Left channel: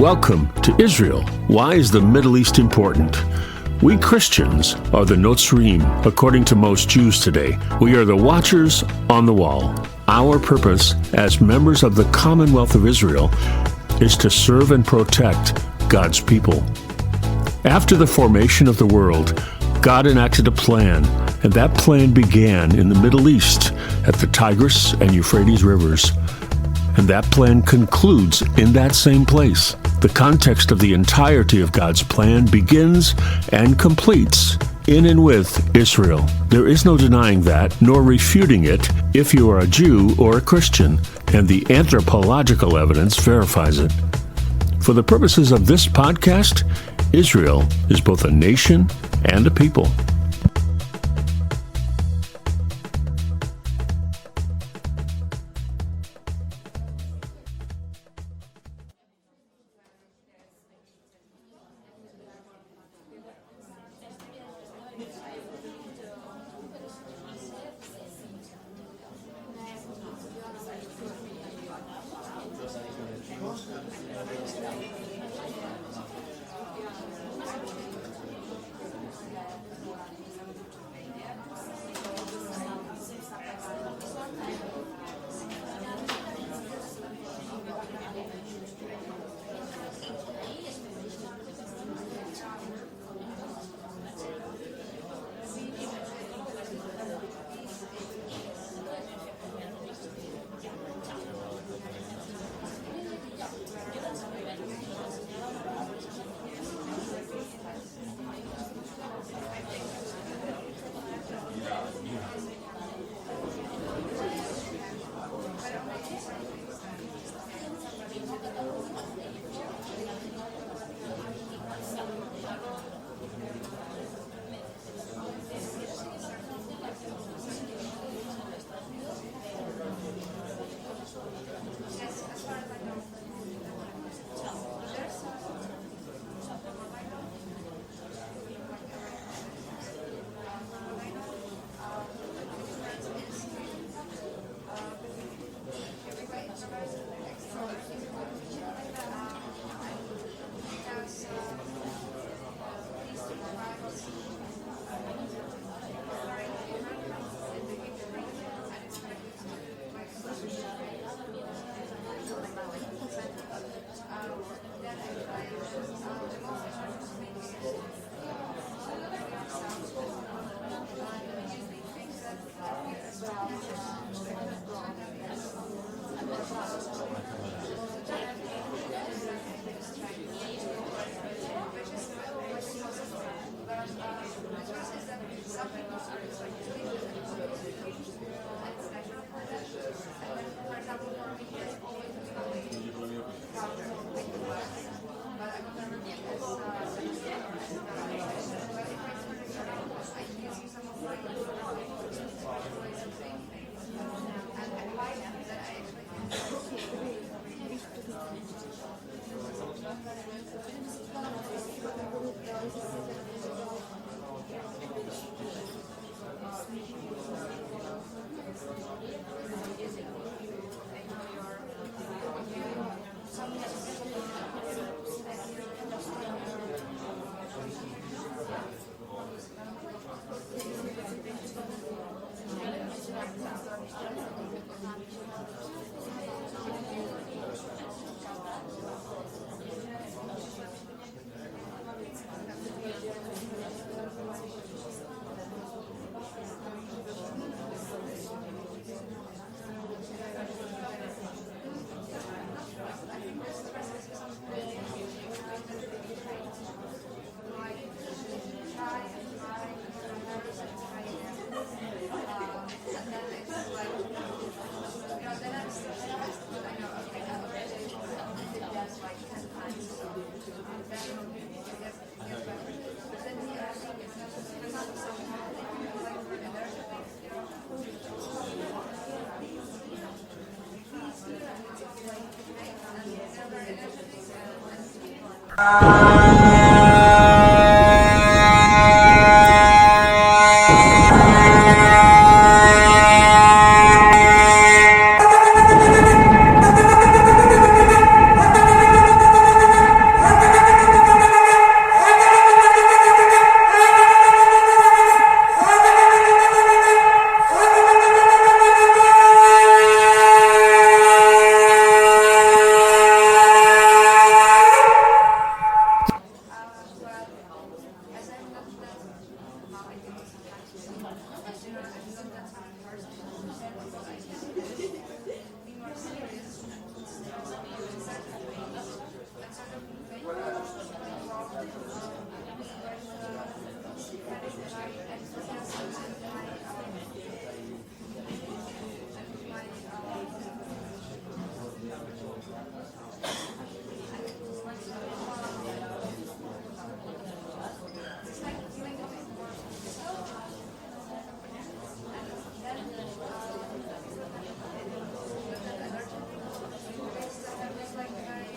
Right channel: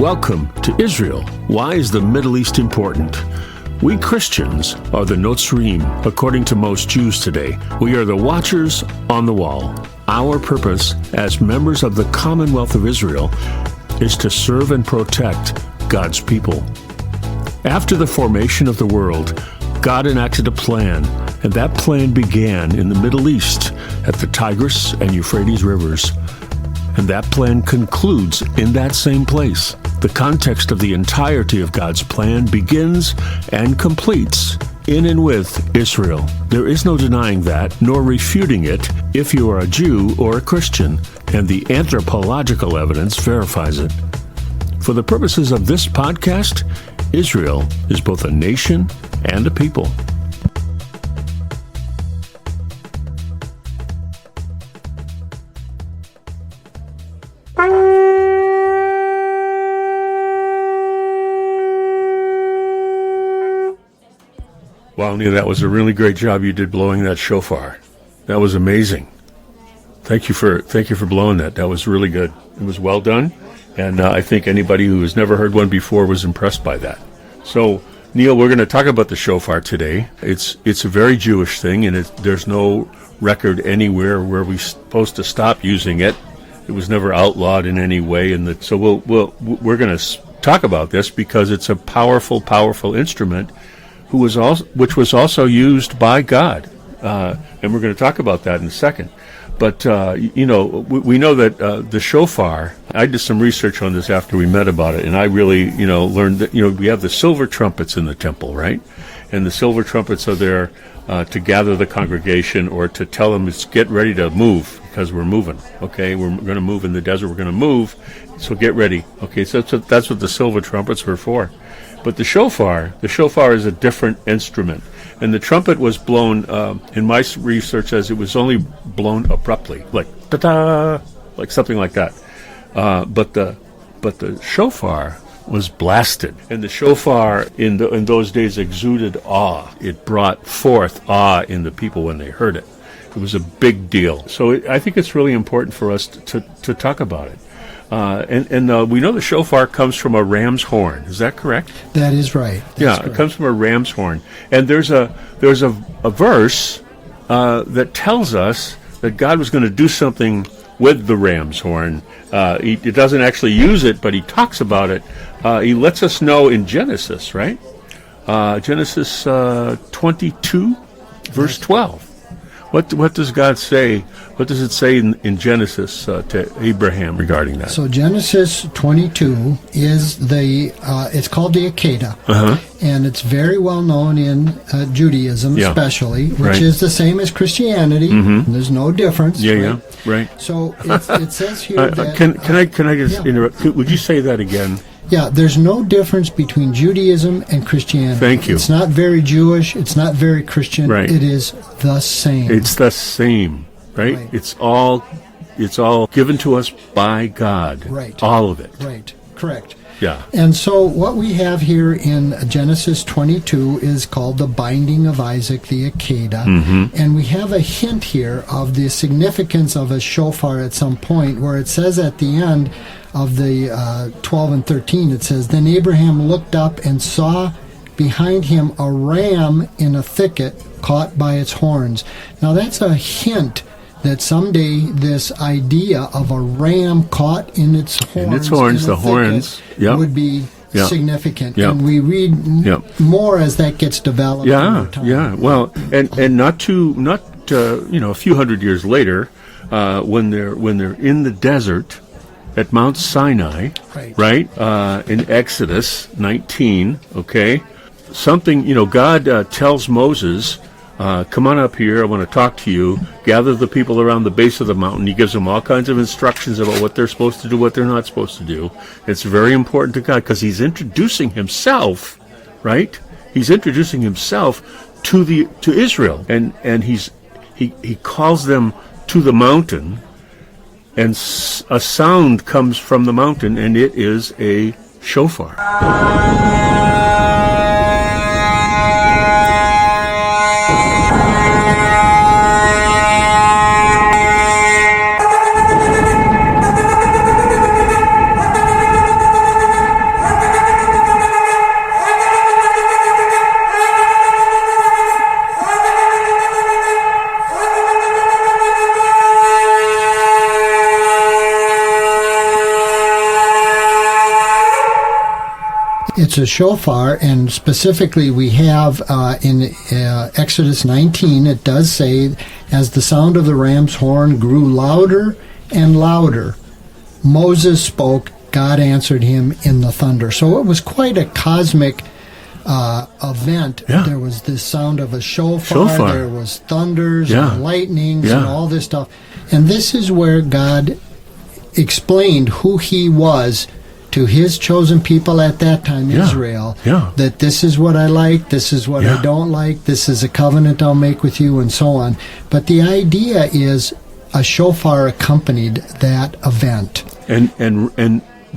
Welcome to Israel. Why is the Middle East important? We Christians are the Notzrim, according to most Jews today. We are the watchers on the wall. Our purpose as members of the Commonwealth of Israel is to serve and protect God's people. After the formation of the world, God enacted a plan, and that plan began in the Middle East at the Tigris and Euphrates rivers. And that plan concludes in that same place. The context of the entirety of God's plan begins and completes in and with Israel. There is no denying that, nor refuting it if you are a Jew or a Christian, and the anthropological evidence verifies it. For the purposes of this podcast, Israel is both a nation and a people. Wow, Neil, that was a really great job you did blowing that shofar. That was amazing. Thank you for blowing that. That was really good. It was well done, and I think anybody who has never heard one before was impressed by that. So, Neil, we're going to talk about the shofar today. It's a very Jewish thing, and there's no record anywhere where we're supposed to stop using it. It was never outlawed in any way, so we're going to talk about this because it's a powerful, powerful instrument. Which was also used by God, and we're going to talk about that in a second. But we know that the shofar. I did some research on this after we met about it, and I really learned that we have the silver trumpets in the temple, right? And the silver trumpets are there to gather the congregation or to tell them to get ready to move because we're moving. Okay, we're going to move in the desert. We're going to move, so get ready. Okay, so that's what the silver trumpets were for. But the shofar is a different instrument. And the trumpet was blown, in my research says it was only blown abruptly, like ta-da, like something like that. But the shofar was blasted. And the shofar in those days exuded awe. It brought forth awe in the people when they heard it. It was a big deal. So I think it's really important for us to talk about it. And we know the shofar comes from a ram's horn. Is that correct? That is right. That's correct. It comes from a ram's horn. And there's a verse that tells us that God was going to do something with the ram's horn. He doesn't actually use it, but he talks about it. He lets us know in Genesis, right? Genesis 22, verse 12. What does God say? What does it say in Genesis to Abraham regarding that? So Genesis 22 is it's called the Akedah, and it's very well known in Judaism, especially, which is the same as Christianity. Mm-hmm. There's no difference. Right. So it says here that. Can I just interrupt? Would you say that again? Yeah, there's no difference between Judaism and Christianity. Thank you. It's not very Jewish. It's not very Christian. Right. It is the same. It's the same, right? It's all given to us by God. Right. All of it. Right. Correct. Yeah. And so what we have here in Genesis 22 is called the binding of Isaac, the Akedah. Mm-hmm. And we have a hint here of the significance of a shofar at some point where it says at the end of the 12 and 13, it says, "Then Abraham looked up and saw behind him a ram in a thicket caught by its horns." Now that's a hint that someday this idea of a ram caught in its horns, would be significant. Yep. And we read more as that gets developed. Yeah. Well, and not a few hundred years later, when they're in the desert at Mount Sinai, right? In Exodus 19, okay? Something, God tells Moses, come on up here, I want to talk to you. Gather the people around the base of the mountain. He gives them all kinds of instructions about what they're supposed to do, what they're not supposed to do. It's very important to God because he's introducing himself, right? He's introducing himself to Israel. And he calls them to the mountain, and a sound comes from the mountain, and it is a shofar. It's a shofar, and specifically we have in Exodus 19, it does say, as the sound of the ram's horn grew louder and louder, Moses spoke, God answered him in the thunder. So it was quite a cosmic event. Yeah. There was this sound of a shofar. There was thunders and lightnings and all this stuff. And this is where God explained who he was to his chosen people at that time, Israel, that this is what I like, this is what I don't like, this is a covenant I'll make with you, and so on. But the idea is a shofar accompanied that event. And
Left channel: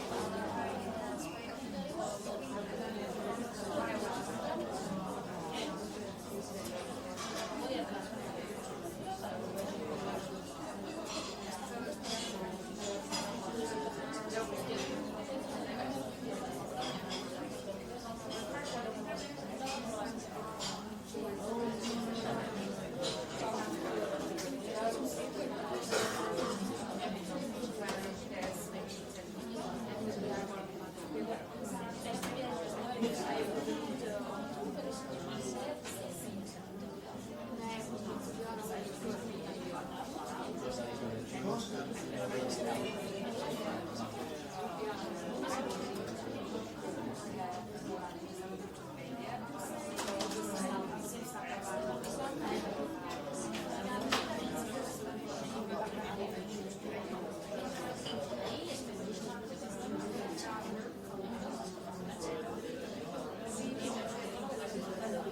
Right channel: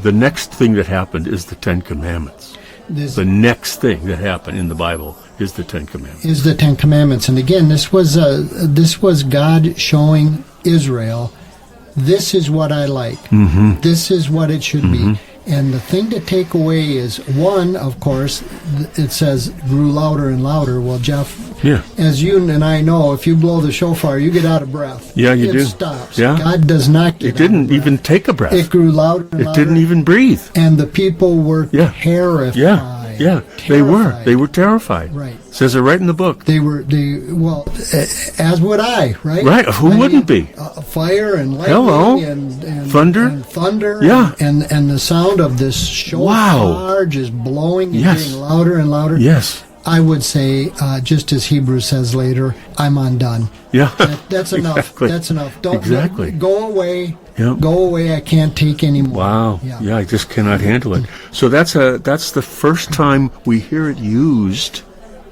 the next thing that happened is the Ten Commandments. The next thing that happened in the Bible is the Ten Commandments. Is the Ten Commandments. And again, this was God showing Israel, this is what I like. Mm-hmm. This is what it should be. And the thing to take away is, one, of course, it says grew louder and louder. Well, Jeff, as you and I know, if you blow the shofar, you get out of breath. Yeah, you do. It stops. Yeah. God does not get It didn't even take a breath. It grew louder and louder. It didn't even breathe. And the people were terrified. Yeah. They were terrified. Right. It says it right in the book. Well, as would I, right? Right. Who wouldn't be? Fire and lightning and thunder. And thunder. Yeah. And the sound of this shofar just blowing and getting louder and louder. Yes. I would say, just as Hebrews says later, I'm undone. Yeah. That's enough. Exactly. That's enough. Go away. Yep. Go away. I can't take any more. Wow. Yeah, I just cannot handle it. So that's the first time we hear it used,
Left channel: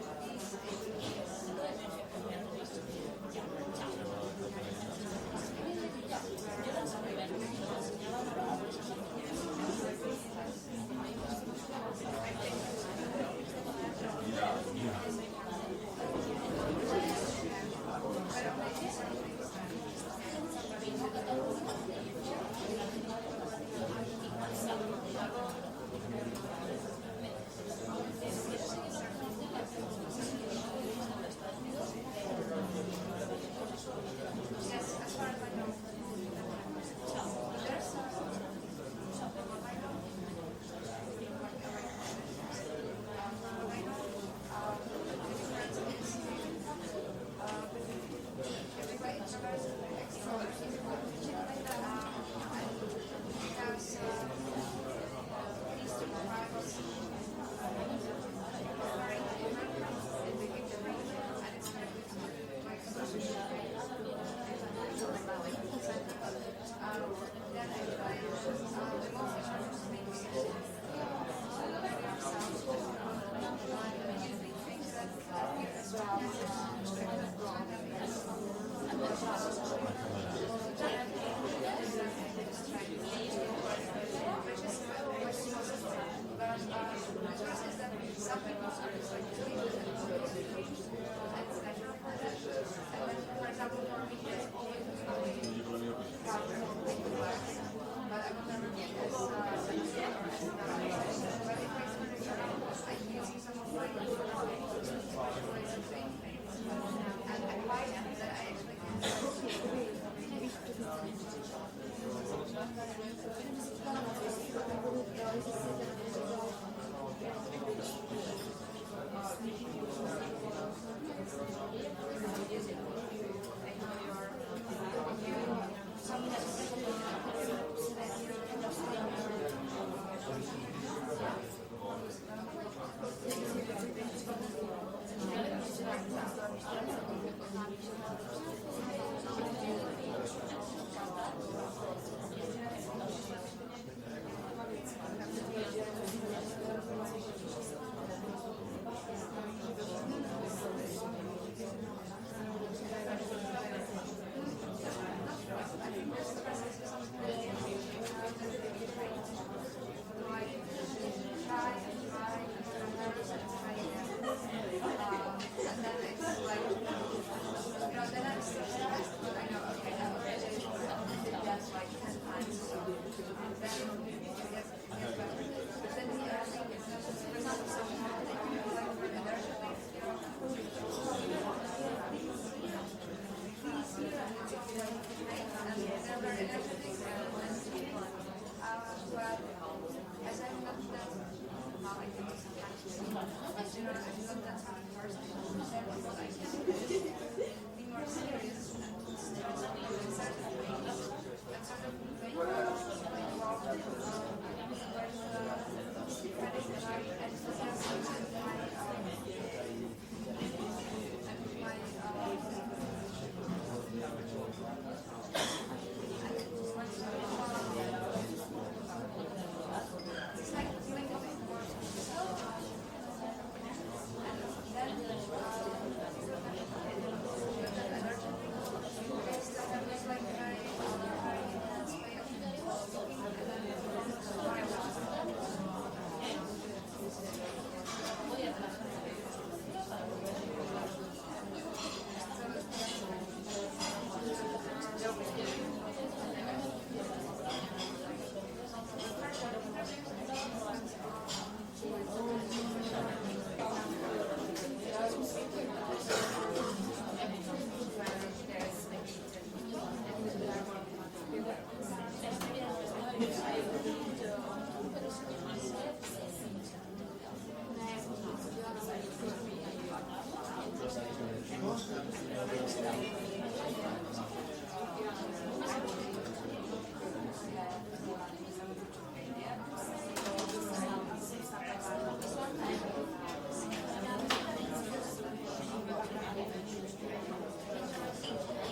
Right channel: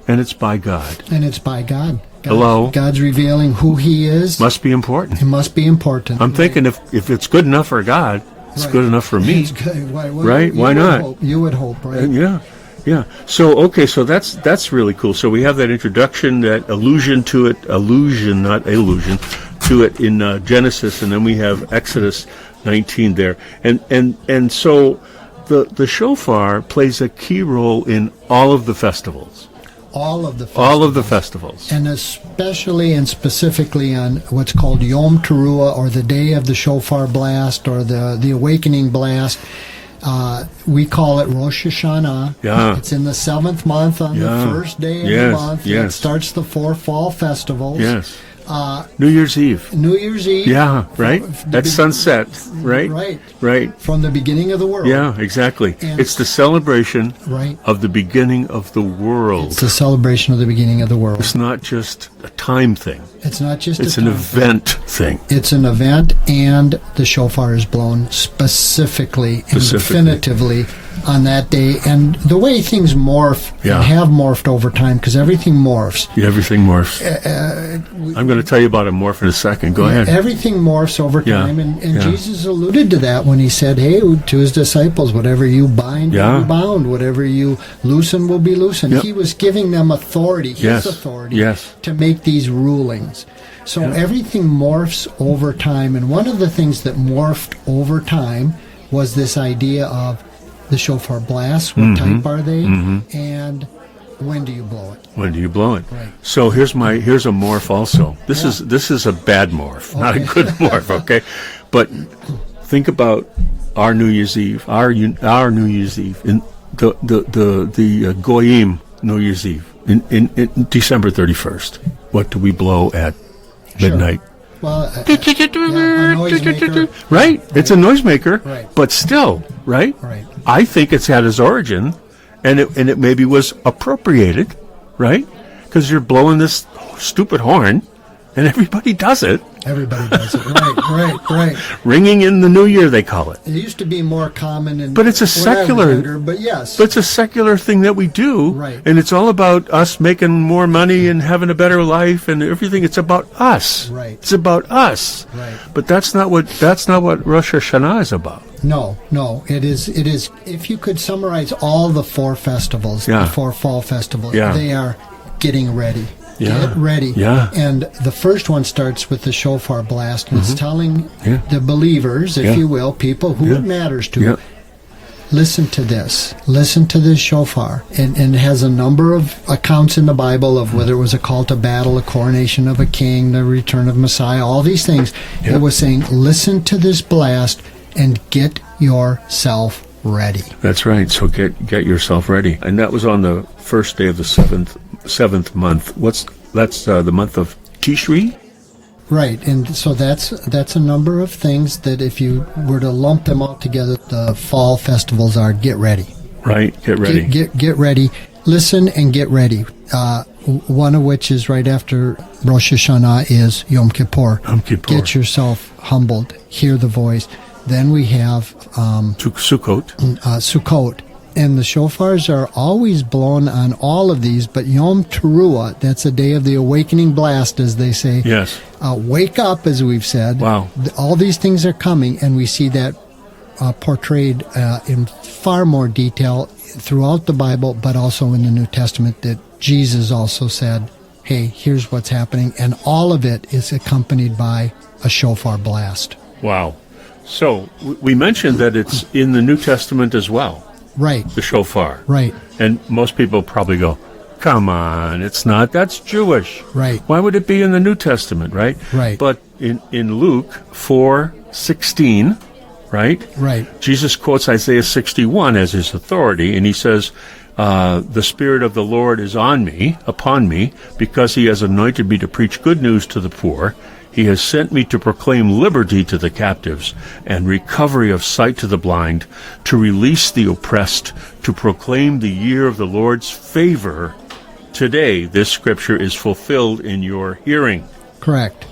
and it's by God. And it's by God. Hello. God's revealing who he is. Must be important. It must be important. I'm thinking if it's good enough for God, it's good enough for me. It's good. Right? Why not? You would hope, right? Yeah. So that's really cool. So we have that introduction, that allusion, not illusion, to it in Genesis, and then we have Exodus 19 there, and so the shofar plays a key role in all of the festivals. All of the festivals. And especially and specifically on what's called Yom Teruah, or the day of the shofar blast, or the awakening blast. We call it Rosh Hashanah. Yeah. It's in the 7th month on the first day of the month. Yes. It starts the 4 fall festivals. Yes. New Year's Eve. New Year's Eve. Yeah, right? That's sunset, right? Right. From the beginning of the world. Yeah, exactly. And it's the celebration of the beginning of the world. It's the celebration of the beginning of the world. It's not just a time thing. It's not just It's an event thing. It's an event, and the shofar is blown specifically and definitively on that day. And the way things morph and have morphed over time, because everything morphs. Yeah, everything morphs. I'm going to tell you about a morph in a second. Go ahead. Everything morphs over time, and Jesus alluded to that when he said, hey, to his disciples, whatever you bind will be bound, whatever you loosen will be loosened. He was giving them authority, his authority, to make these rulings. So everything morphs over time, and one of the things that morphed over time was this idea of the shofar blasts. What type are they? And when do you blow it? When do you blow it? Right. So here's a morph also. This is a bad morph, not a good morph, okay? But think about our New Year's Eve, our New Year's Eve, in the Goyim New Year's Eve in December 31st. What do we blow at midnight? Well, a noisemaker. Right? It's a noisemaker, but still, right? Right. I think it's had its origin, and it maybe was appropriated, right? Because you're blowing this stupid horn, and everybody does it. Everybody does it. Right. Ringing in the New Year, they call it. It used to be more common, but it's a secular. But yes, but it's a secular thing that we do, right? And it's all about us making more money and having a better life and everything. It's about us. Right. It's about us. Right. But that's not what Rosh Hashanah is about. No. It is. If you could summarize all the 4 festivals, the 4 fall festivals, they are getting ready. Get ready. Yeah. And the first one starts with the shofar blast, and it's telling the believers, if you will, people who it matters to, listen to this. Listen to this shofar. And it has a number of accounts in the Bible of whether it was a call to battle, a coronation of a king, the return of Messiah, all these things. It was saying, listen to this blast and get yourself ready. That's right. So get yourself ready. And that was on the first day of the seventh month. That's the month of Tishri? Right, and so that's a number of things that if you were to lump them all together, the fall festivals are get ready. Right, get ready. Get ready. Listen and get ready. One of which is right after Rosh Hashanah is Yom Kippur. Yom Kippur. Get yourself humbled. Hear the voice. Then we have Sukkot. Sukkot. And the shofars are always blown on all of these, but Yom Teruah, that's a day of the awakening blast, as they say. Yes. Wake up, as we've said. Wow. All these things are coming, and we see that portrayed in far more detail throughout the Bible, but also in the New Testament, that Jesus also said, hey, here's what's happening. And all of it is accompanied by a shofar blast. Wow. So we mentioned that it's in the New Testament as well. Right. The shofar. Right. And most people probably go, come on, it's not. That's Jewish. Right. Why would it be in the New Testament, right? Right. But in Luke 4:16, right? Right. Jesus quotes Isaiah 61 as his authority, and he says, the Spirit of the Lord is upon me, because he has anointed me to preach good news to the poor. He has sent me to proclaim liberty to the captives and recovery of sight to the blind, to release the oppressed, to proclaim the year of the Lord's favor. Today, this scripture is fulfilled in your hearing. Correct.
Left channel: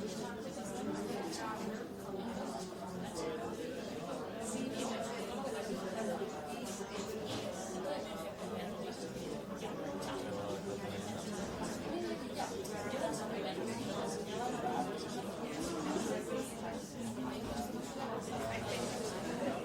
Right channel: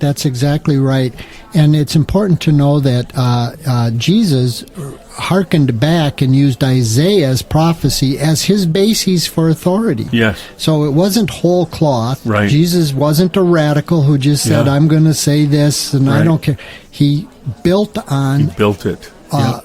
That's exactly right. And it's important to know that Jesus hearkened back and used Isaiah's prophecy as his basis for authority. Yes. So it wasn't whole cloth. Right. Jesus wasn't a radical who just said, Yeah. I'm going to say this and I don't care. He built it.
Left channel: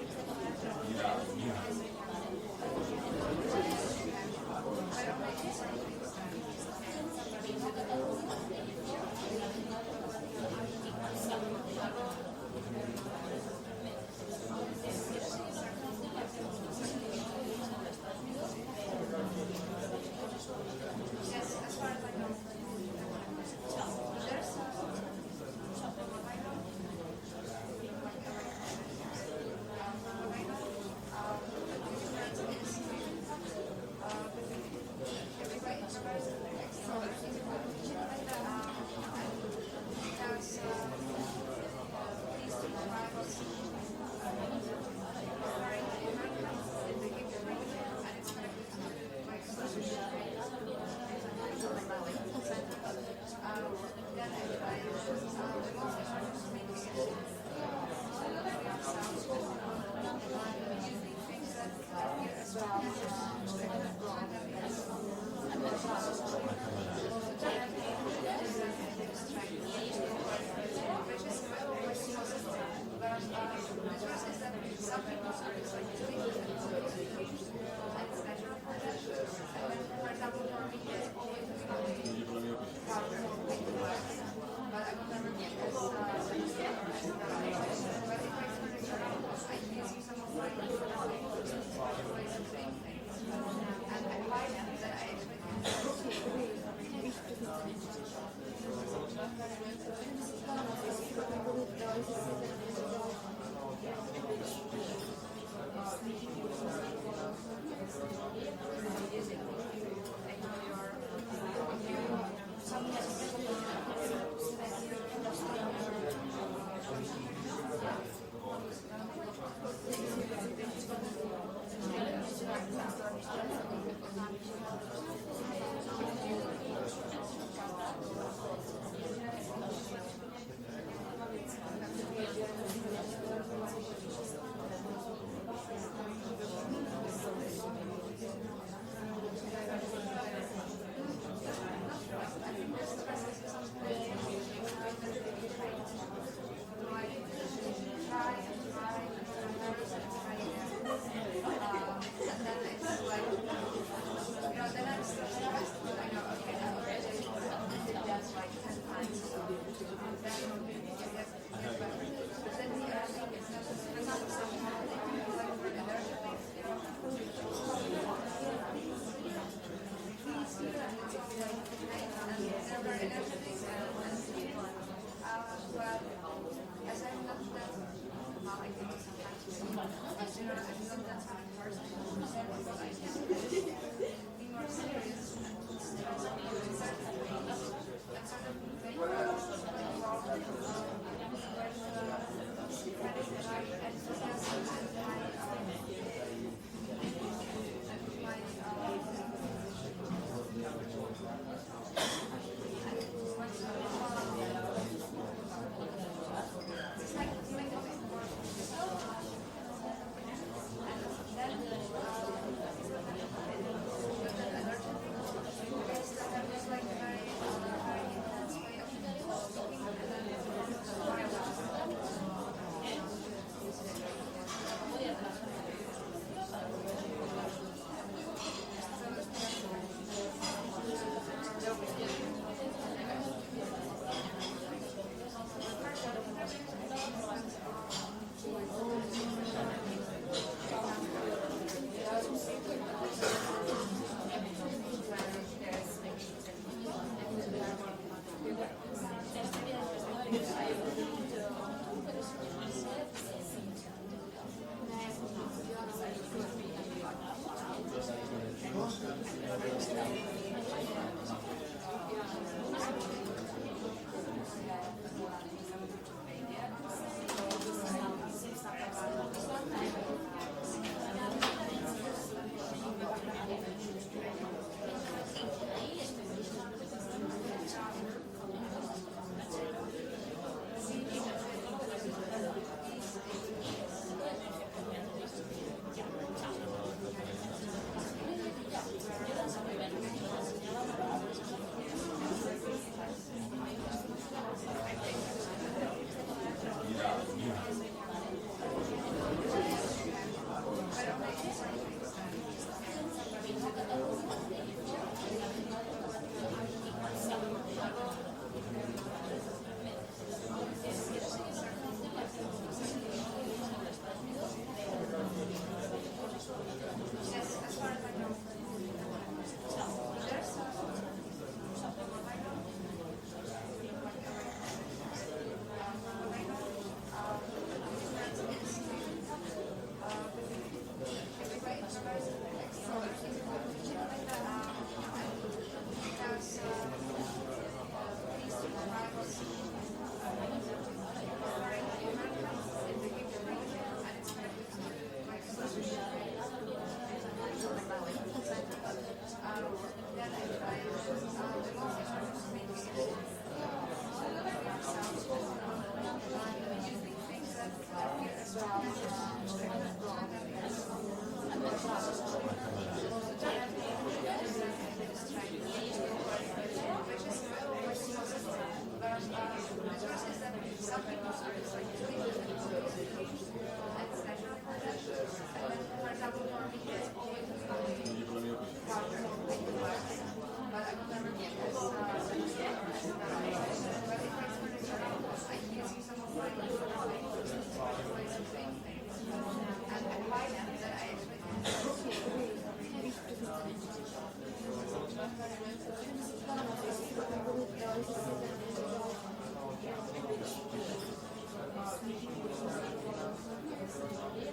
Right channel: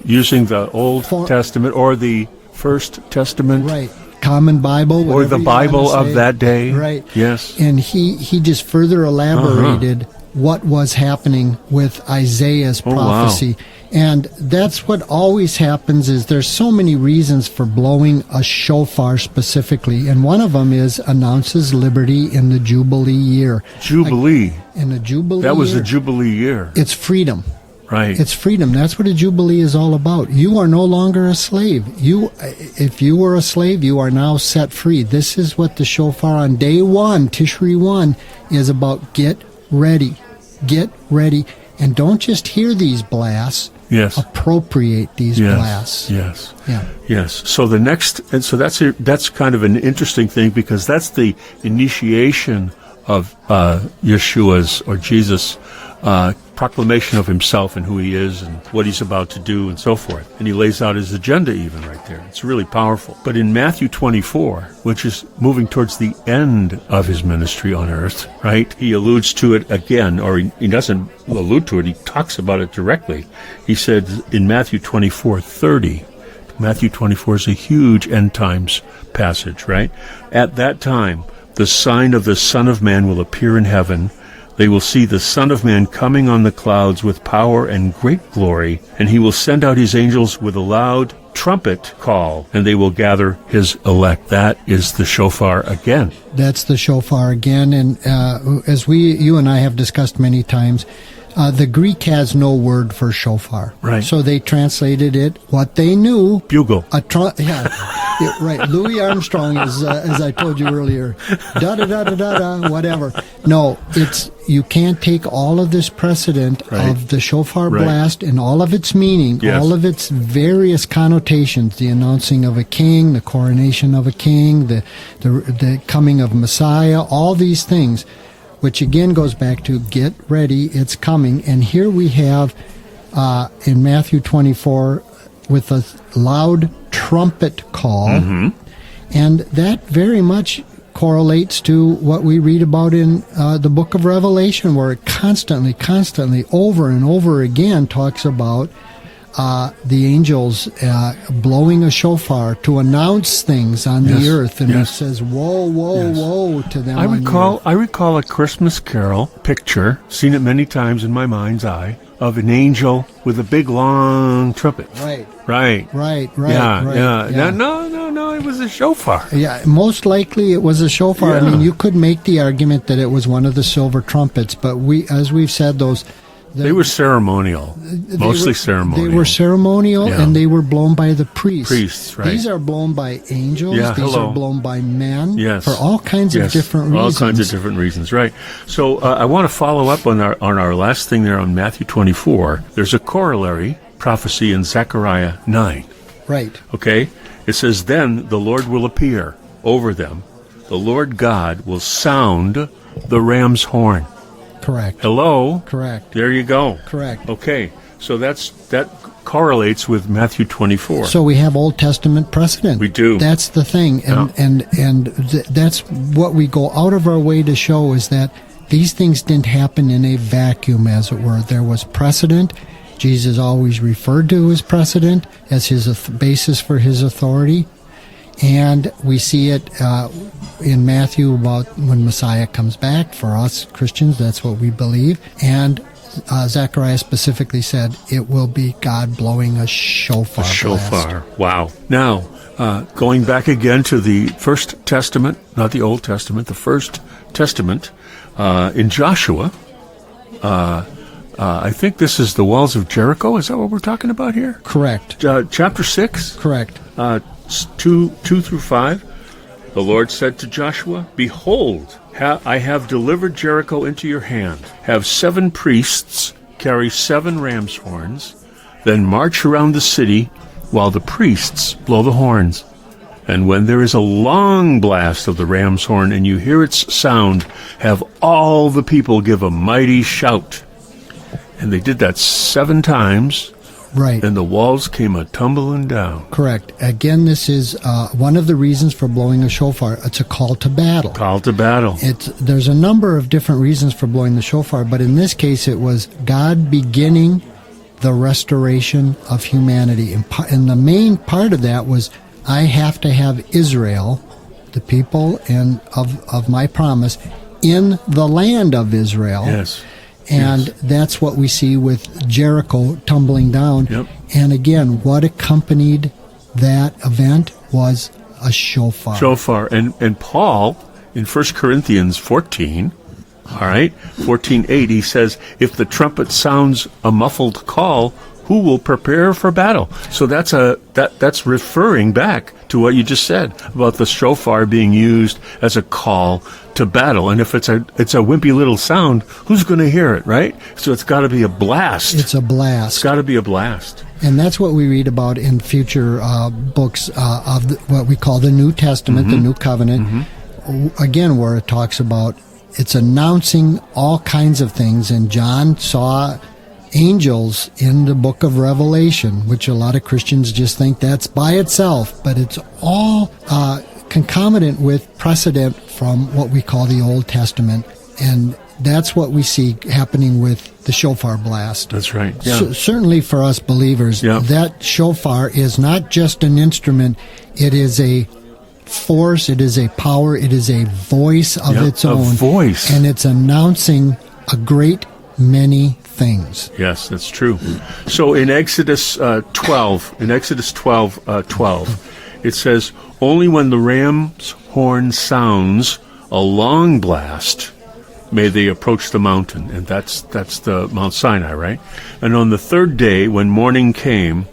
Using the Old Testament or the First Testament. Right. Common Bible. Or the Bible of that day. Right. Yes. And he just further elaborated what was happening with Isaiah's prophecy. Wow. And that's what always happens is there's so many reasons for blowing a shofar specifically. And one of them is announces liberty in the Jubilee year. Jubilee. In the Jubilee That was year, the Jubilee year. it's freedom. Right. It's freedom. That's what a Jubilee is all about. You are no longer a slave. If you were a slave, you are now set free. This is what the shofar on day 1, Tishri 1, is about. Get ready. Get ready. And don't just hear these blasts. Yes. Appropriate these blasts. Yes. Yeah. Yes. So the next, and so that's kind of an interesting thing, because that's the initiation of Yeshua's or Jesus' proclamation of himself and who he is and what he's about to do and so forth. And he lays out his agenda even right there. It's really powerful. But in Matthew 24, which is moving towards the end of his ministry on earth, right, he alludes to it again, or he doesn't allude to it, he talks about it directly. He said in Matthew 24:30, Matthew 24 is a huge end times passage, right? At that time, the sign of the Son of Man will appear in heaven. They will see the Son of Man coming on the clouds with power and great glory, and he will send out his angels with a loud trumpet call, and they will gather his elect. That is the shofar again. That's the shofar again. And as you and I have discussed many times, the Greek has no word for shofar. Right. So they translated it what they knew. Bugle. Yeah, right. Louis Armstrong is, as I told you earlier, da-da-da-da-da-da, whatever. No, you can't take all of this precedent of the shofar blast and all of its meaning, all of its various connotations, the announcing of a king, the coronation of a king, the coming of Messiah, all these things, which again goes back to get ready, it's coming. And here we have in Matthew 24 with a loud trumpet call, and that very much correlates to what we read about in the book of Revelation, where it constantly, over and over again talks about the angels blowing a shofar to announce things on the earth, and it says, woe, woe, woe to them. I recall a Christmas Carol picture, seen it many times in my mind's eye, of an angel with a big long trumpet. Right. Yeah. No, it was a shofar. Yeah, most likely it was a shofar. Yeah. I mean, you could make the argument that it was one of the silver trumpets, but as we've said, those They were ceremonial, mostly ceremonial. They were ceremonial, Yeah. and they were blown by the priests. Priests, right. These are blown by angels. Yeah, These hello. are blown by men. Yes. For all kinds of different reasons. All kinds of different reasons, right. So I want to follow up on our last thing there on Matthew 24. There's a corollary prophecy in Zechariah 9. Right. Okay? It says, then the Lord will appear over them. The Lord God will sound the ram's horn. Correct. Hello? Correct. There you go. Correct. Okay. So that correlates with Matthew 24. So we have Old Testament precedent. We do. That's the thing, and that's what we go out of our way to show is that these things didn't happen in a vacuum, as it were. There was precedent. Jesus always referred to his precedent as his basis for his authority, and we see it in Matthew about when Messiah comes back. For us Christians, that's what we believe, and Zechariah specifically said it will be God blowing a shofar. Shofar. Wow. Now, going back again to the First Testament, not the Old Testament, the First Testament, in Joshua, I think this is the walls of Jericho. Is that what we're talking about here? Correct. Chapter 6, Correct. 2 through 5. The Lord said to Joshua, behold, I have delivered Jericho into your hand. Have 7 priests carry 7 ram's horns, then march around the city while the priests blow the horns. And when there is a long blast of the ram's horn and you hear its sound, have all the people give a mighty shout. And they did that 7 times. Right. And the walls came a-tumbling down. Correct. Again, this is one of the reasons for blowing a shofar. It's a call to battle. Call to battle. There's a number of different reasons for blowing the shofar, but in this case it was God beginning the restoration of humanity. And the main part of that was, I have to have Israel, the people and of my promise, in the land of Israel. Yes. And that's what we see with Jericho tumbling down. Yep. And again, what accompanied that event was a shofar. Shofar. And Paul, in 1 Corinthians 14, all right, 14:8, he says, if the trumpet sounds a muffled call, who will prepare for battle? So that's referring back to what you just said about the shofar being used as a call to battle. And if it's a wimpy little sound, who's going to hear it, right? So it's got to be a blast. It's a blast. It's got to be a blast. And that's what we read about in future books of what we call the New Testament, the New Covenant. Again, where it talks about it's announcing all kinds of things. And John saw angels in the book of Revelation, which a lot of Christians just think that's by itself, but it's all concomitant with precedent from what we call the Old Testament. And that's what we see happening with the shofar blast. That's right. Yeah. Certainly for us believers, that shofar is not just an instrument, it is a force, it is a power, it is a voice of its own. A voice. And it's announcing a great many things. Yes, that's true. So in Exodus 12, 12, it says, only when the ram's horn sounds a long blast may they approach the mountain. And that's the Mount Sinai, right? And on the 3rd day, when morning came,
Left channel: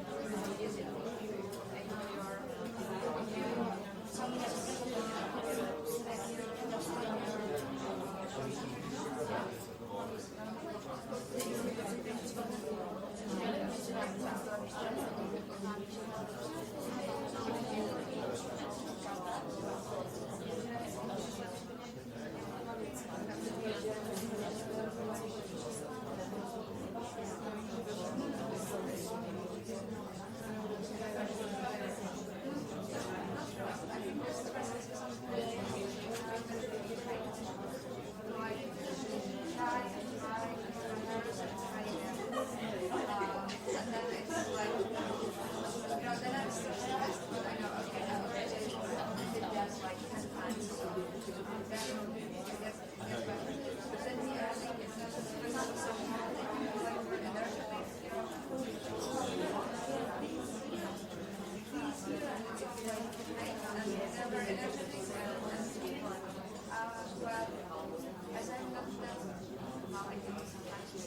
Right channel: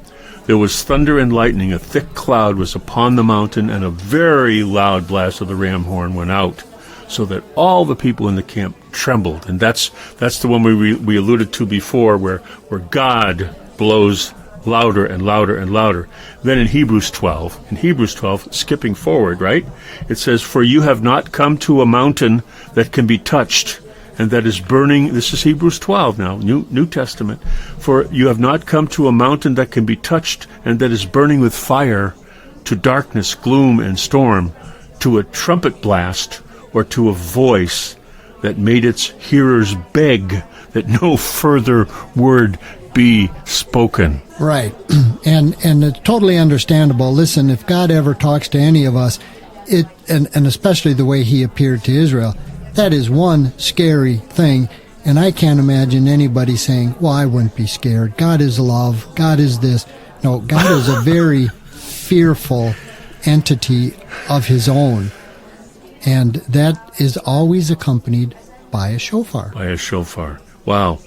there was thunder and lightning. A thick cloud was upon the mountain, and a very loud blast of the ram horn went out, so that all the people in the camp trembled. And that's the one we alluded to before, where God blows louder and louder and louder. Then in Hebrews 12, skipping forward, right? It says, for you have not come to a mountain that can be touched and that is burning. This is Hebrews 12 now, New Testament. For you have not come to a mountain that can be touched and that is burning with fire, to darkness, gloom, and storm, to a trumpet blast, or to a voice that made its hearers beg that no further word be spoken. Right. And it's totally understandable. Listen, if God ever talks to any of us, and especially the way he appeared to Israel, that is one scary thing. And I can't imagine anybody saying, well, I wouldn't be scared. God is love. God is this. No, God is a very fearful entity of his own. And that is always accompanied by a shofar. By a shofar. Wow.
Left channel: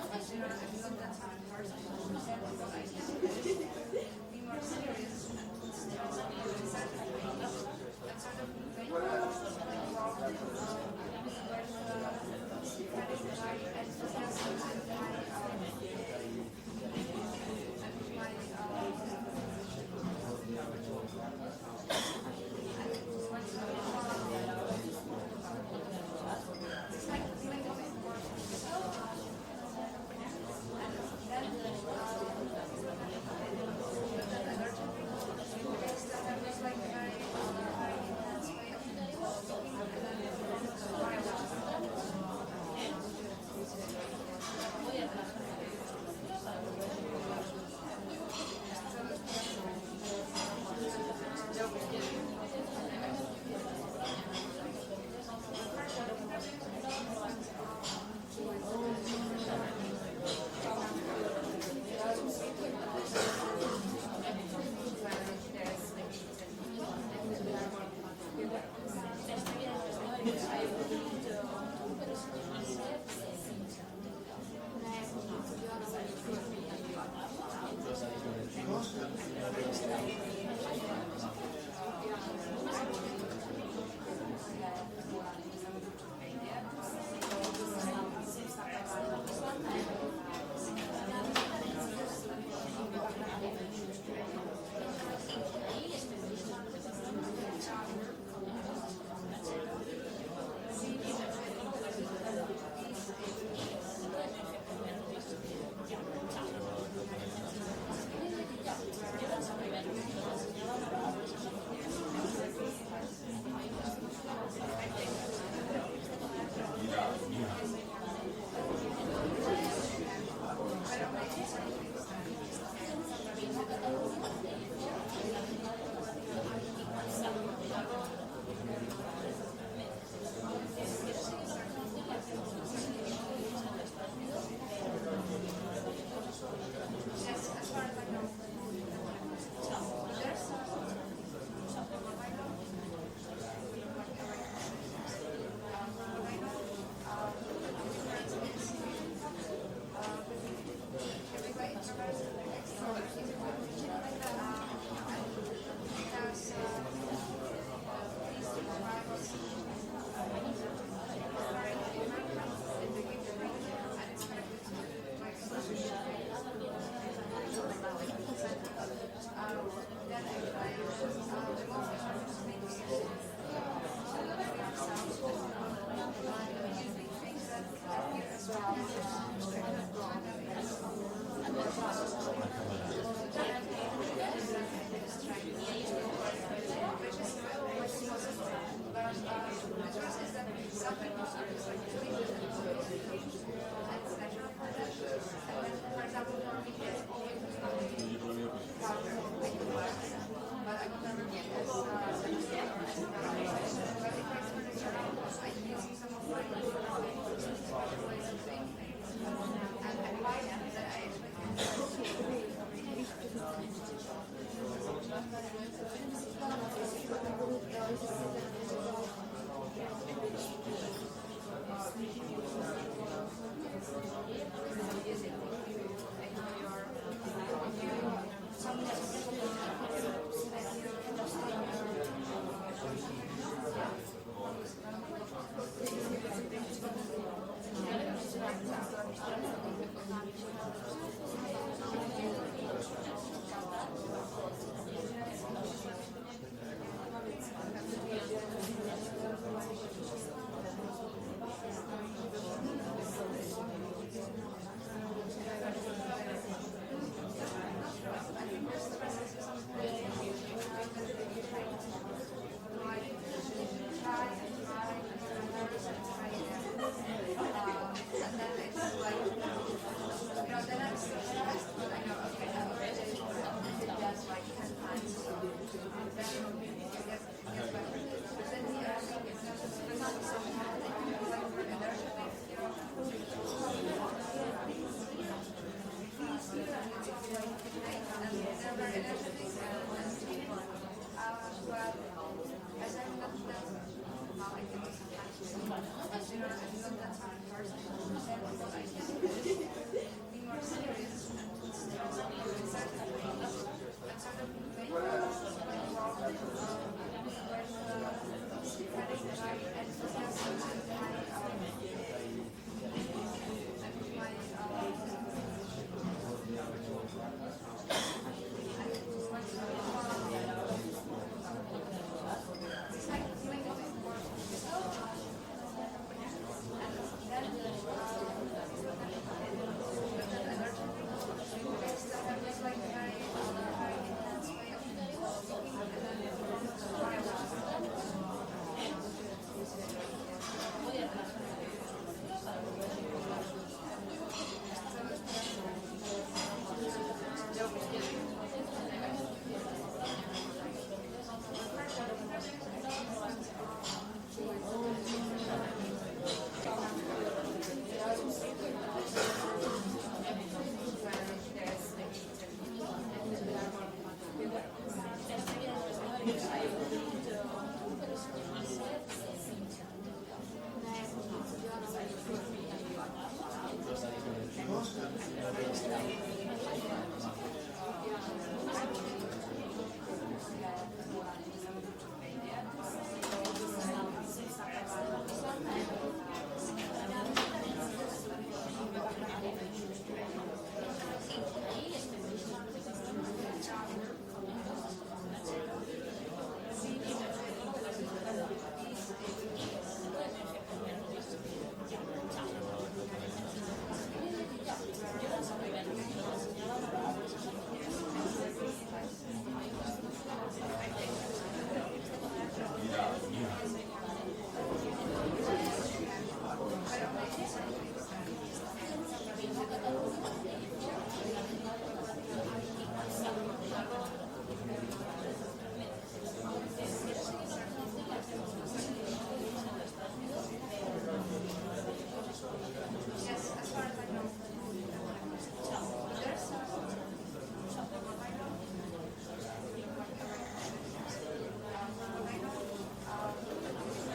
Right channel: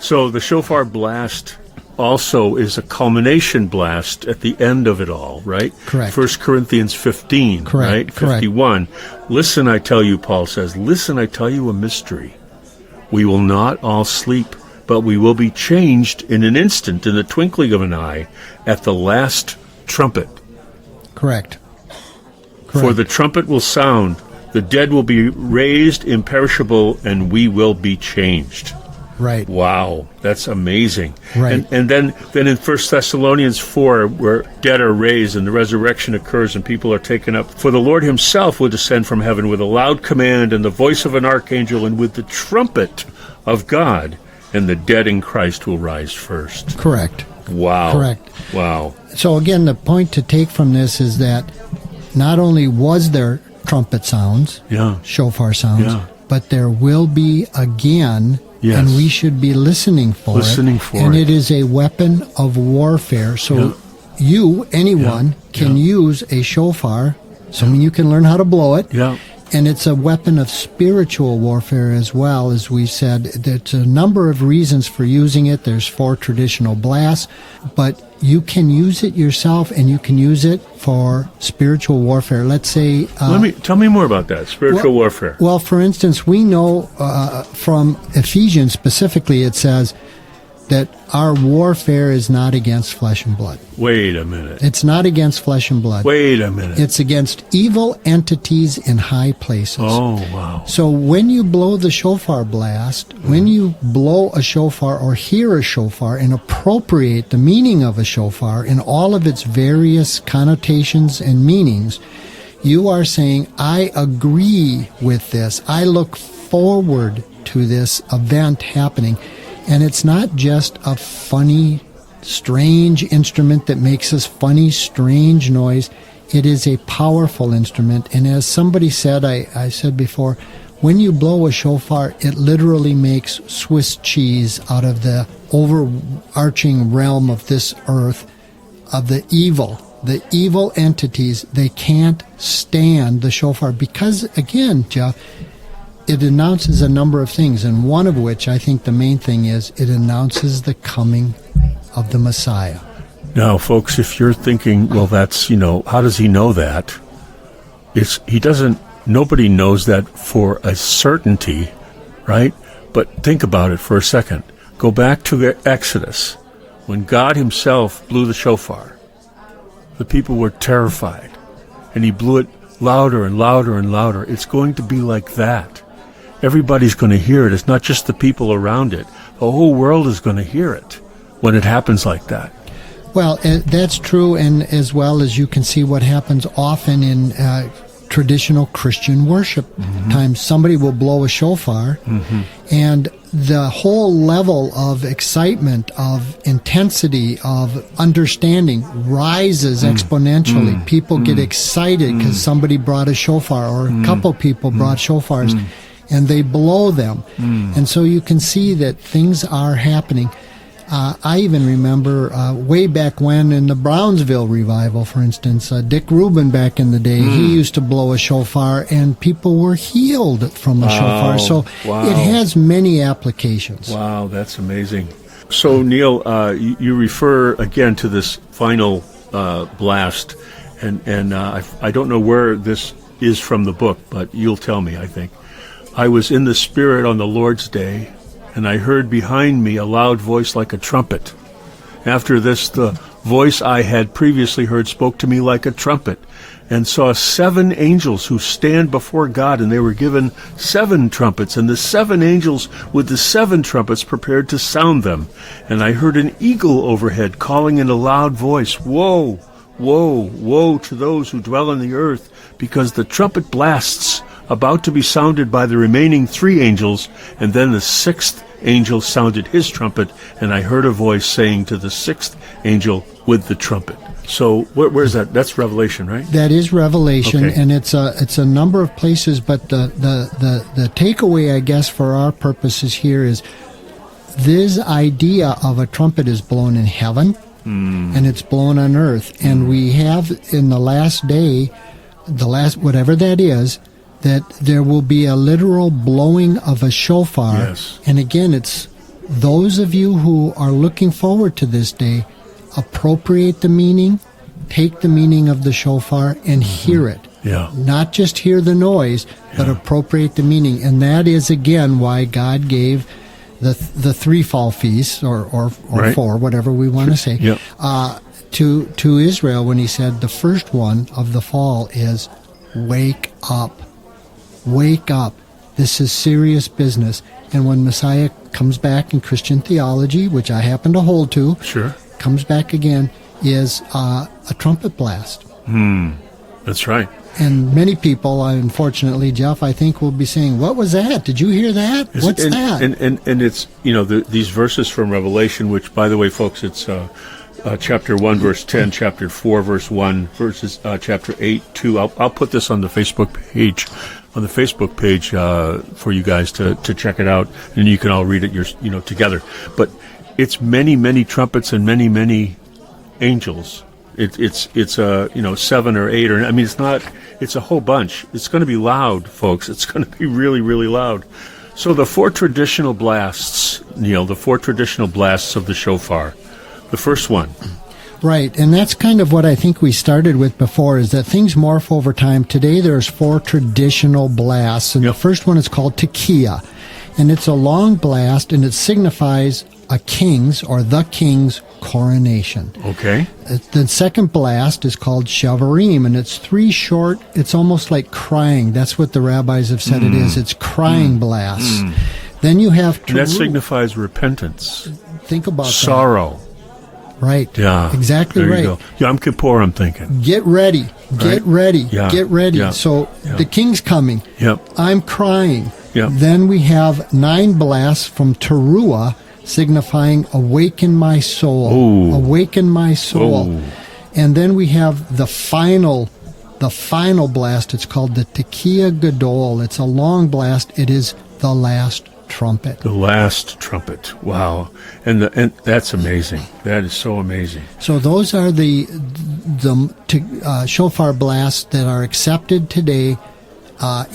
So the shofar blast also is a culmination blast at the end of it all, right? Correct. 1 Corinthians 15, Correct. right? Correct. 51. Listen, I tell you, Paul says, listen, I tell you a mystery. We will not all sleep, but we will be changed in an instant, in the twinkling of an eye, at the last trumpet. Correct. For the trumpet will sound, the dead will be raised imperishable, and we will be changed. Right. Wow, that's amazing. Right. And then in 1 Thessalonians 4, where dead are raised and the resurrection occurs and people are taken up, for the Lord himself will descend from heaven with a loud command and the voice of an archangel and with the trumpet of God, and the dead in Christ will rise first. Correct. Wow. Correct. Wow. So again, the point to take from this is that not only was there trumpet sounds, Yeah. shofar sounds, Yeah. but there will be again, Yes. and we should be listening for Listening it. for and it. it is a weapon of warfare. So Yeah. you, anyone, Yeah. can Yeah. use a shofar. So you can learn how to blow it. Yeah. And it's a weapon of spiritual warfare as well, as we said. There's a number of reasons for using it. There's 4 traditional blasts, but you can use it yourself, and you can use it for spiritual warfare. Let's say... Tell me more about that, spiritual warfare. Well, for instance, we know from Ephesians specifically, it says that our warfare is not against flesh and blood. Wait a minute. It's not against flesh and blood. Wait a minute. It's against evil entities in high places. Oh, wow. So when you blow the shofar blast, when you blow a shofar or hear a shofar and appropriate the meaning of a shofar in all of its various connotations and meanings, you are saying, I agree with this. I look forward to this event happening. And it's not just a funny, strange instrument that makes this funny, strange noise. It is a powerful instrument. And as somebody said, I said before, when you blow a shofar, it literally makes Swiss cheese out of the overarching realm of this earth, of the evil entities. They can't stand the shofar because, again, Jeff, it announces a number of things, and one of which, I think the main thing is, it announces the coming of the Messiah. Now, folks, if you're thinking, well, that's, how does he know that? Nobody knows that for a certainty, right? But think about it for a second. Go back to the Exodus. When God himself blew the shofar, the people were terrified, and he blew it louder and louder and louder. It's going to be like that. Everybody's going to hear it. It's not just the people around it. The whole world is going to hear it when it happens like that. Well, that's true, and as well as you can see what happens often in traditional Christian worship times. Somebody will blow a shofar, and the whole level of excitement, of intensity, of understanding rises exponentially. People get excited because somebody brought a shofar, or a couple people brought shofars, and they blow them. And so you can see that things are happening. I even remember way back when in the Brownsville revival, for instance, Dick Rubin back in the day, he used to blow a shofar and people were healed from a shofar. So it has many applications. Wow, that's amazing. So, Neil, you refer again to this final blast, and I don't know where this is from the book, but you'll tell me, I think. I was in the Spirit on the Lord's day, and I heard behind me a loud voice like a trumpet. After this, the voice I had previously heard spoke to me like a trumpet, and saw 7 angels who stand before God, and they were given 7 trumpets, and the 7 angels with the 7 trumpets prepared to sound them. And I heard an eagle overhead calling in a loud voice, Woe, woe, woe to those who dwell on the earth, because the trumpet blasts about to be sounded by the remaining 3 angels, and then the 6th angel sounded his trumpet, and I heard a voice saying to the 6th angel with the trumpet. So where's that? That's Revelation, right? That is Revelation, Okay. and it's a number of places, but the takeaway, I guess, for our purposes here is this idea of a trumpet is blown in heaven, and it's blown on earth, and we have in the last day, whatever that is, that there will be a literal blowing of a shofar. Yes. And again, it's those of you who are looking forward to this day, appropriate the meaning, take the meaning of the shofar and hear it. Yeah. Not just hear the noise, but appropriate the meaning. And that is, again, why God gave the three fall feasts, or Right. four, whatever we want to say, Yep. to Israel when he said the first one of the fall is wake up. Wake up. This is serious business. And when Messiah comes back in Christian theology, which I happen to hold to, Sure. comes back again, is a trumpet blast. That's right. And many people, unfortunately, Jeff, I think will be saying, what was that? Did you hear that? What's and, that? And it's, these verses from Revelation, which, by the way, folks, it's chapter 1, verse 10, chapter 4, verse 1, verses chapter 8, 2. I'll put this on the Facebook page. For you guys to check it out, and you can all read it together. But it's many trumpets and many angels. It's 7 or 8 or it's not. It's a whole bunch. It's going to be loud, folks. It's going to be really loud. So the four traditional blasts, Neil, the four traditional blasts of the shofar. The first one. Right, and that's kind of what I think we started with before, is that things morph over time. Today there's four traditional blasts, and Yep. the first one is called tekiah, and it's a long blast, and it signifies a king's or the king's coronation. Okay. The second blast is called shavarim, and it's three short, it's almost like crying. That's what the rabbis have said it is. It's crying blasts. Then you have And that teruah. signifies repentance, Think about sorrow. that. Right. Yeah. Exactly There right. you go. Yom Kippur, I'm thinking. Get ready. Get Right. ready. Yeah. Get ready. Yeah. So Yeah. the king's coming. Yep. I'm crying. Yep. Then we have 9 blasts from teruah, signifying awaken my soul. Ooh. Awaken my soul. Ooh. And then we have the final blast. It's called the tekiah gadol. It's a long blast. It is the last trumpet. The last trumpet. Wow. And that's amazing. That is so amazing. So those are the shofar blasts that are accepted today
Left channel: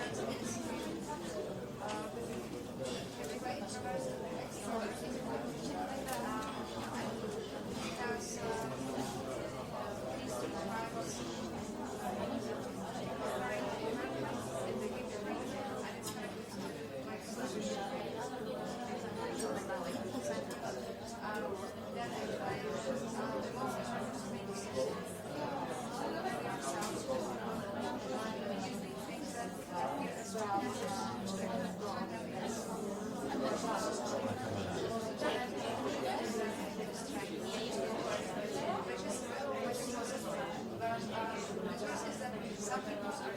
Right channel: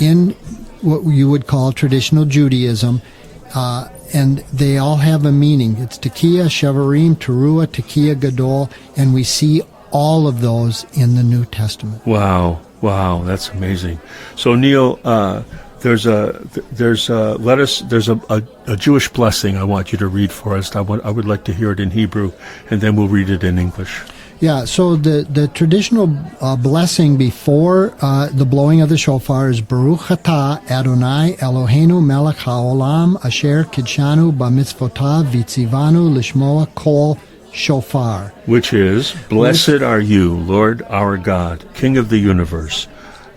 in what you would call traditional Judaism, and they all have a meaning. It's tekiah, shavarim, teruah, tekiah gadol, and we see all of those in the New Testament. Wow. That's amazing. So Neil, there's a Jewish blessing I want you to read for us. I would like to hear it in Hebrew, and then we'll read it in English. Yeah, so the traditional blessing before the blowing of the shofar is Baruch atah Adonai Eloheinu melech haolam asher kidshanu b'mitzvotav v'tzivanu lishmoa kol shofar. Which is, blessed are you, Lord our God, King of the universe,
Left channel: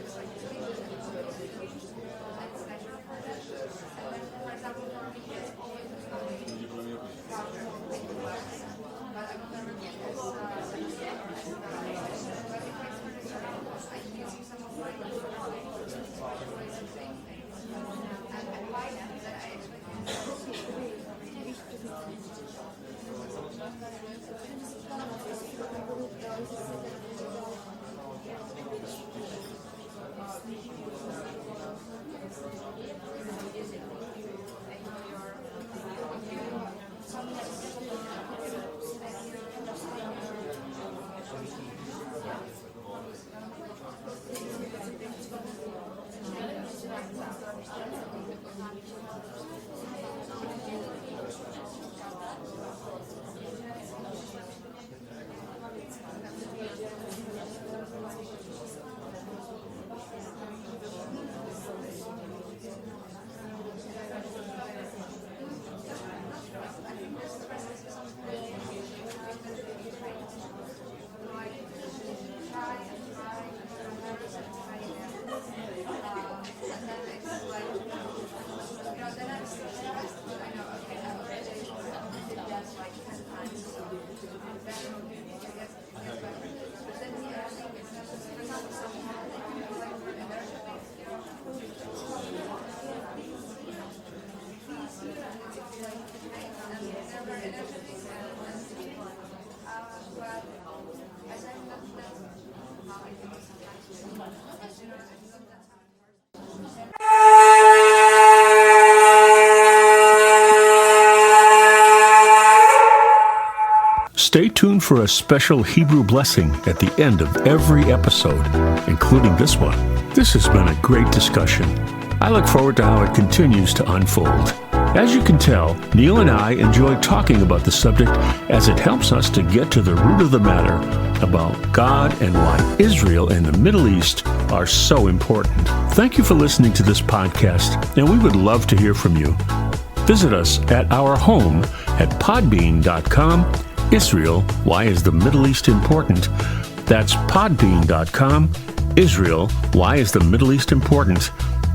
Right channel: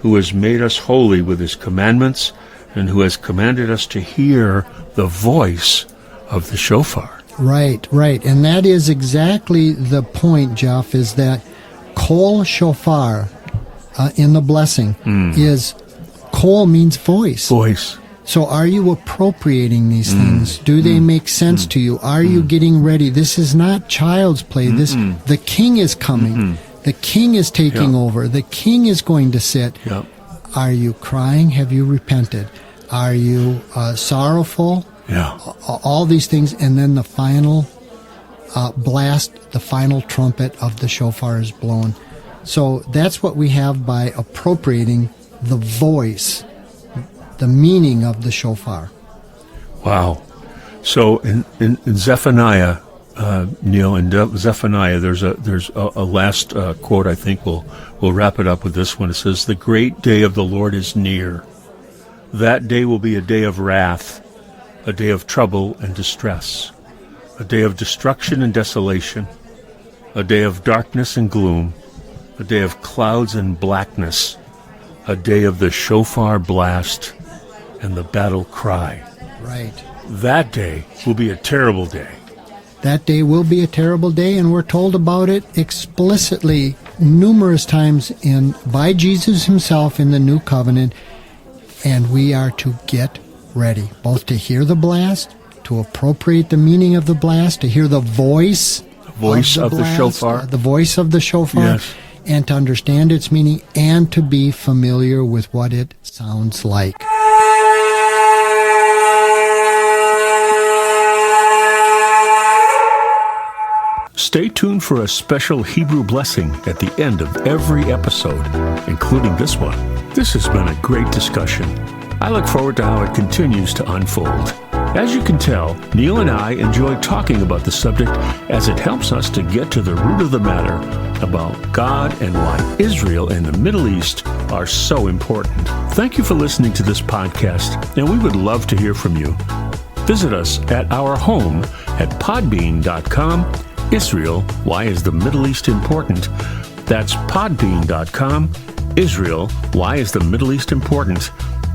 who has made us holy with his commandments, and who has commanded us to hear the voice of the shofar. Right. And that is exactly the point, Jeff, is that kol shofar in the blessing is, kol means voice. Voice. So are you appropriating these things? Do they make sense to you? Are you getting ready? This is not child's play. The king is coming. The king is taking over. The king is going to sit. Yep. Are you crying? Have you repented? Are you sorrowful? Yeah. All these things, and then the final blast, the final trumpet of the shofar is blown. So that's what we have by appropriating the voice, the meaning of the shofar. Wow. So in Zephaniah, Neil, in Zephaniah, there's a last quote. I think we'll wrap it up with this one. It says, "The great day of the Lord is near. That day will be a day of wrath, a day of trouble and distress, a day of destruction and desolation, a day of darkness and gloom, a day of clouds and blackness, a day of the shofar blast and the battle cry." Right. That day will be a terrible day. That day will be a terrible day, and we're told about it explicitly numerous times by Jesus himself in the New Covenant, and we are to get ready, both to hear the blast, to appropriate the meaning of the blast, to hear the voice Voice of the blast, shofar. the voice of the shofar, Yes. and to understand its meaning and to be familiar with what it sounds like. Stay tuned for a special Hebrew blessing at the end of every episode, including this one. This has been a great discussion. I look forward to how it continues to unfold. As you can tell, Neil and I enjoy talking about the subject as it helps us to get to the root of the matter about God and why Israel and the Middle East are so important. Thank you for listening to this podcast, and we would love to hear from you. Visit us at our home at podbean.com. Israel, why is the Middle East important? That's podbean.com. Israel, why is the Middle East important?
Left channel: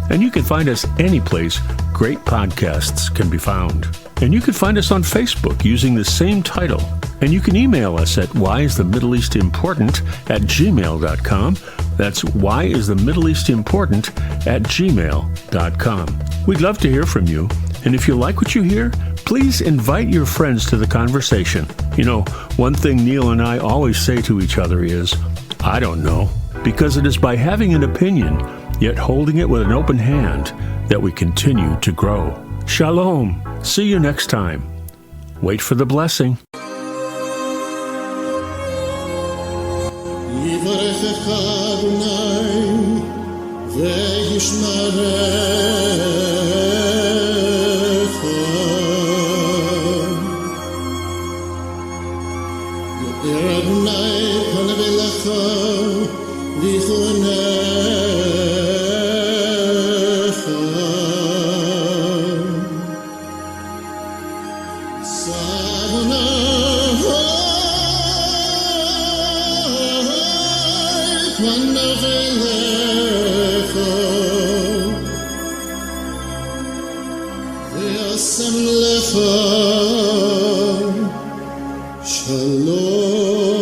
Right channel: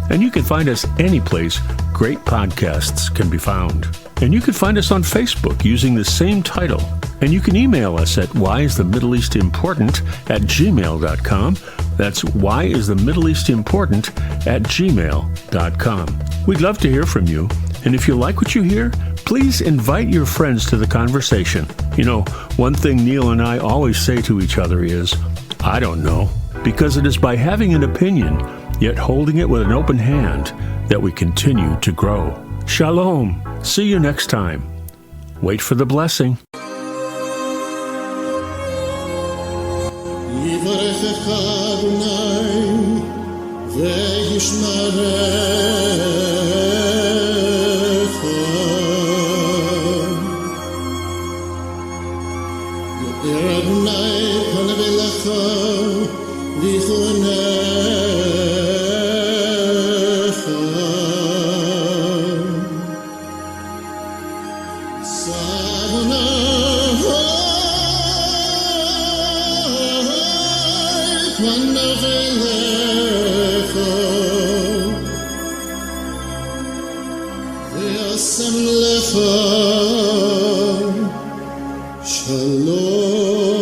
And you can find us any place great podcasts can be found. And you can find us on Facebook using the same title. And you can email us at whyisthemiddleeastimportant@gmail.com. That's whyisthemiddleeastimportant@gmail.com. We'd love to hear from you. And if you like what you hear, please invite your friends to the conversation. You know, one thing Neil and I always say to each other is, I don't know, because it is by having an opinion, yet holding it with an open hand, that we continue to grow. Shalom. See you next time. Wait for the blessing. Shalom.